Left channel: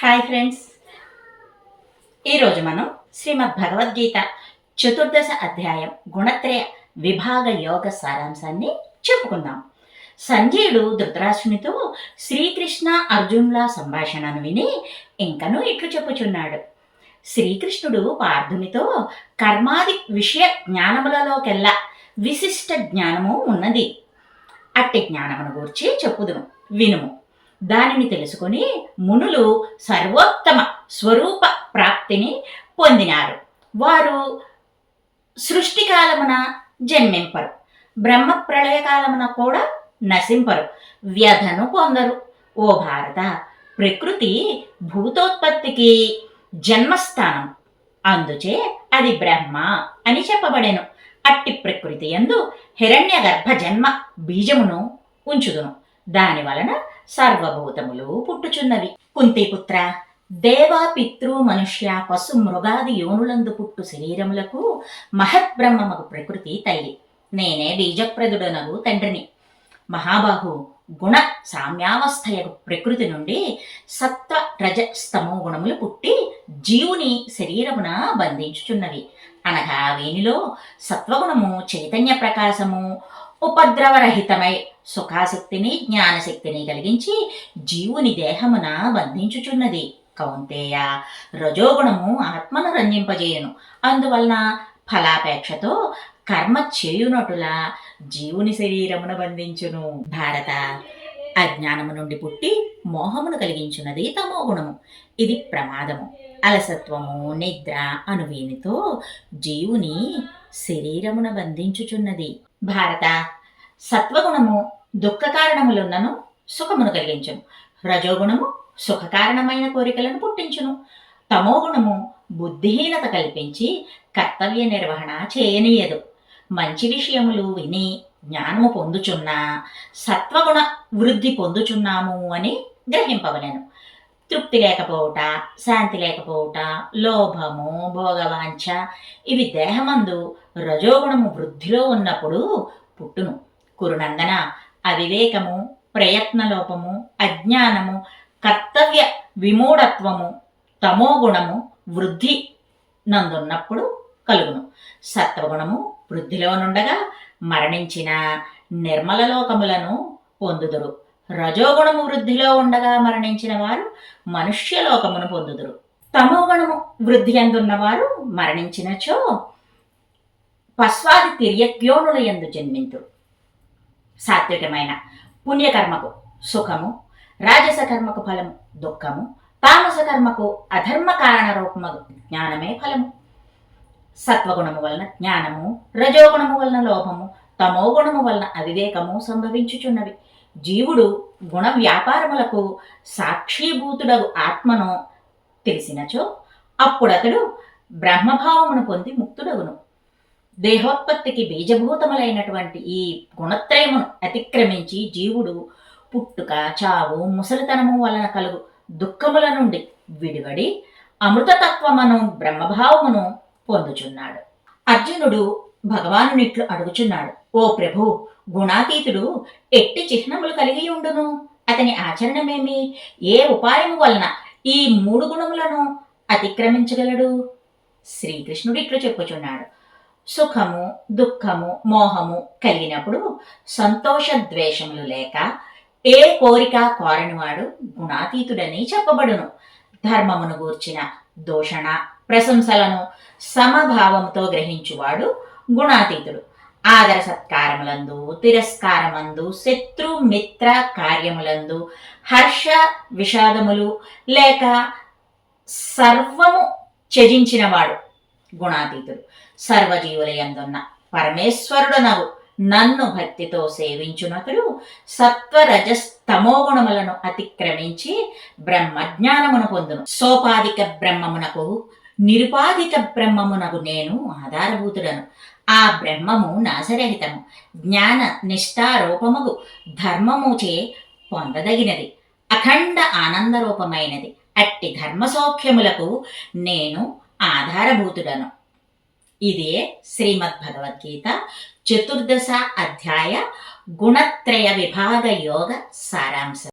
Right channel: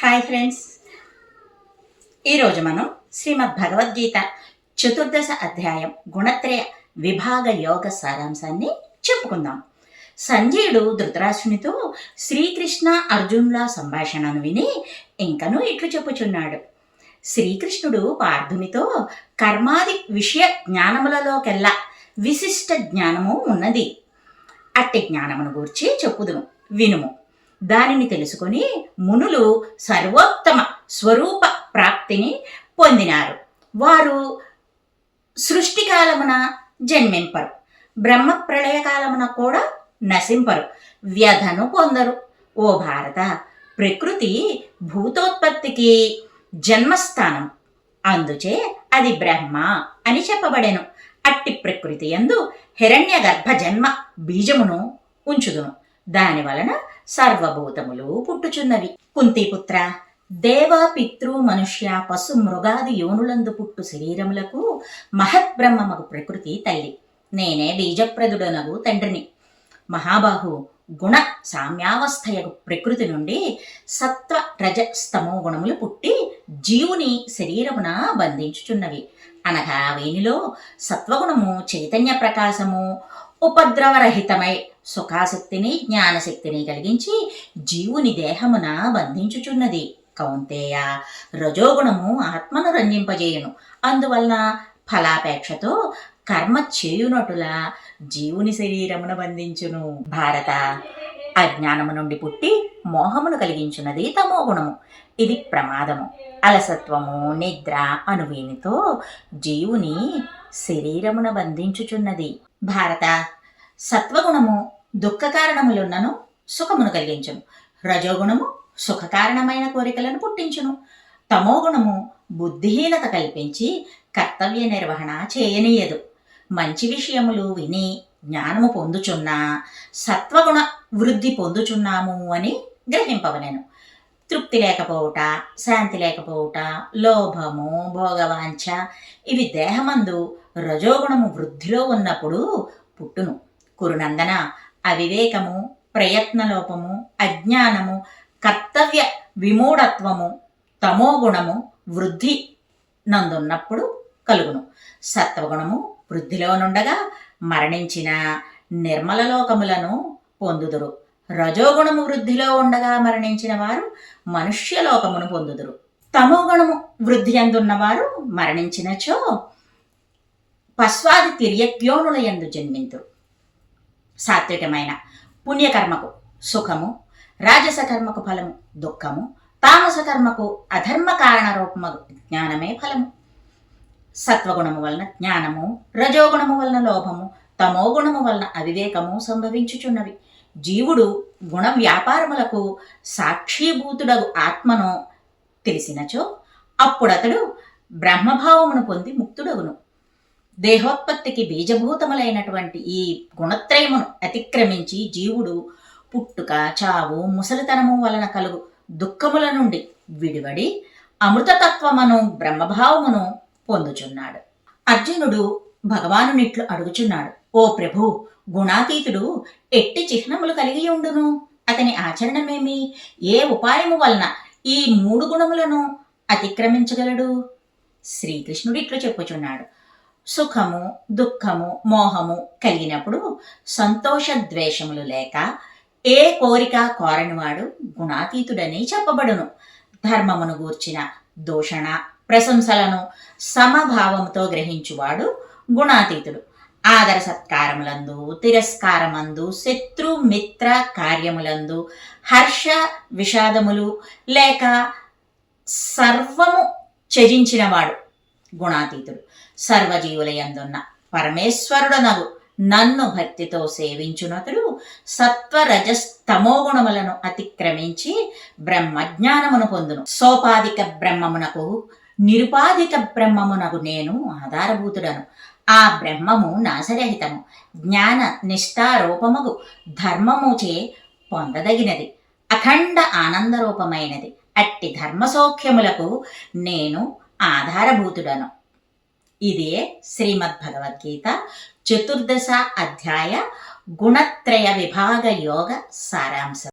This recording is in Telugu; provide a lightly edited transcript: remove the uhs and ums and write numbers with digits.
హాయ్ ఫ్రెండ్స్, ఈరోజు మనం శ్రీమద్ భగవద్గీత చతుర్దశ అధ్యాయం గుణత్రయ విభాగ యోగ సారాంశాన్ని చెప్పుకుందాం. సంజయుడు ధృతరాష్ట్రునితో శ్రీకృష్ణ అర్జునుల సంభాషణను విని ఇంకనూ ఇట్లు చెప్పుచున్నాడు. శ్రీకృష్ణుడు పార్థునితో కర్మాది విషయ జ్ఞానములలోకెల్లా విశిష్ట జ్ఞానము ఉన్నది. అట్టి జ్ఞానమును గూర్చి చెప్పుదును, వినుము. దానిని తెలుసుకొని మునులు సర్వోత్తమ స్వరూప ప్రాప్తిని పొందినారు. వారు సృష్టికాలమున జన్మింపరు, బ్రహ్మ ప్రళయకాలమున కూడా నశింపరు, వ్యధను పొందరు. ఓ భారత, ప్రకృతి భూతోత్పత్తికి జన్మస్థానం, అందుచే అది బ్రహ్మ అని చెప్పబడెను. అట్టి ప్రకృతి యందు హిరణ్య గర్భ జన్మ బీజమును ఉంచుదును. దాని వలన సర్వభూతములు పుట్టుచున్నవి. కుంతిపుత్ర, దేవ పితృ మనుష్య పశు మృగాది యోనులందు పుట్టు శరీరములకు మహద్బ్రహ్మమగు ప్రకృతి తల్లి. నేనే బీజప్రదుడనగు తండ్రిని. మహాబాహు, గుణ సామ్యావస్థయగు ప్రకృతి నుండి సత్వ రజ స్తమో గుణములు పుట్టి జీవుని శరీరమున బంధించుచున్నవి. అనగా వీనిలో సత్వగుణము చైతన్య ప్రకాశము ఉపద్రవరహితమై సుఖాశక్తిని జ్ఞానశక్తిని కలిగించి జీవుని దేహమున బంధించుచున్నది. కౌంతేయ, రజోగుణము ఆత్మను రంజింపజేయును. అందువలన ఫలాపేక్షతో కర్మ చేయునటులా జీవుని శరీరమున బంధించును. భారత, అజ్ఞానము నుండి పుట్టి మోహమును కలిగించున్నది తమోగుణము. ఇది ప్రమాదము, అలసత్వము, నిద్ర అనువీనితో జీవుని శరీరమున బంధించుచున్నది. భారత, సత్వగుణము దుఃఖ కారణములున్నను సుఖమును కలిగించును. రజోగుణము సుఖకారణమైన కోరికలను పుట్టించును. తమోగుణము బుద్ధిహీనత కల్పించి కర్తవ్య నిర్వహణ చేయనీయదు. మంచి విషయములు విని జ్ఞానము పొందుచున్నా సత్వగుణ వృద్ధి పొందుచున్నాము అని గ్రహింపవలెను. తృప్తి లేకపోవుట, శాంతి లేకపోవుట, లోభము, భోగవాంఛ ఇవి దేహమందు రజోగుణము వృద్ధిలో ఉన్నప్పుడు పుట్టును. కురునందన, అవివేకము, ప్రయత్నలోపము, అజ్ఞానము, కర్తవ్య విమూఢత్వము తమోగుణము వృద్ధి నందున్నప్పుడు కలుగును. సత్వగుణము వృద్ధిలో నుండగా మరణించిన నిర్మల లోకములను పొందుదురు. రజోగుణము వృద్ధిలో ఉండగా మరణించిన వారు మనుష్యలోకమును పొందుదురు. తమోగుణము వృద్ధి అందున్నవారు మరణించినచో పశ్వాది తిర్యక్యోనుల యందు జన్మింతురు. సాత్వికమైన పుణ్యకర్మకు సుఖము, రాజస కర్మకు ఫలము దుఃఖము, తామస కర్మకు అధర్మ కారణ రూపమగు జ్ఞానమే ఫలము. సత్వగుణము వలన జ్ఞానము, రజోగుణము వలన లోభము, తమోగుణము వలన అవివేకము సంభవించుచున్నవి. జీవుడు గుణ వ్యాపారములకు సాక్షీభూతుడగు ఆత్మను తెలిసినచో అప్పుడతడు బ్రహ్మభావమును పొంది ముక్తుడగును. దేహోత్పత్తికి బీజభూతములైనటువంటి ఈ గుణత్రయమును అతిక్రమించి జీవుడు పుట్టుక, చావు, ముసలితనము వలన కలుగు దుఃఖముల నుండి విడివడి అమృతతత్వమును బ్రహ్మభావమును పొందుచున్నాడు. అర్జునుడు భగవానునిట్లు అడుగుచున్నాడు, ఓ ప్రభు, గుణాతీతుడు ఎట్టి చిహ్నములు కలిగి ఉండును? అతని ఆచరణమేమి? ఏ ఉపాయము వలన ఈ 3 గుణములను అతిక్రమించగలడు? శ్రీకృష్ణుడు ఇట్లు చెప్పుచున్నాడు, సుఖము, దుఃఖము, మోహము కలిగినప్పుడు సంతోష ద్వేషములు లేక ఏ కోరిక కోరనివాడు గుణాతీతుడని చెప్పబడును. ధర్మమును గూర్చిన దూషణ ప్రశంసలను సమభావముతో గ్రహించువాడు గుణాతీతుడు. ఆదర సత్కారములందు, తిరస్కారమందు, శత్రు మిత్ర కార్యములందు హర్ష విషాదములు లేక సర్వము త్యజించినవాడు గుణాతీతుడు. సర్వజీవుల యందున్న పరమేశ్వరుడనగు నన్ను భక్తితో సేవించునతుడు సత్వరజస్తమో గుణములను అతిక్రమించి బ్రహ్మజ్ఞానమును పొందును. సోపాధిక బ్రహ్మమునకు నిరుపాధిక బ్రహ్మమునకు నేను ఆధారభూతుడను. ఆ బ్రహ్మము నాశరహితము, జ్ఞాన నిష్ఠారూపముగు ధర్మముచే పొందదగినది, అఖండ ఆనందరూపమైనది. అట్టి ధర్మసౌఖ్యములకు నేను ఆధారభూతుడను. ఇదే శ్రీమద్భగవద్గీత చతుర్దశ అధ్యాయ గుణత్రయ విభాగ యోగ సారాంశం.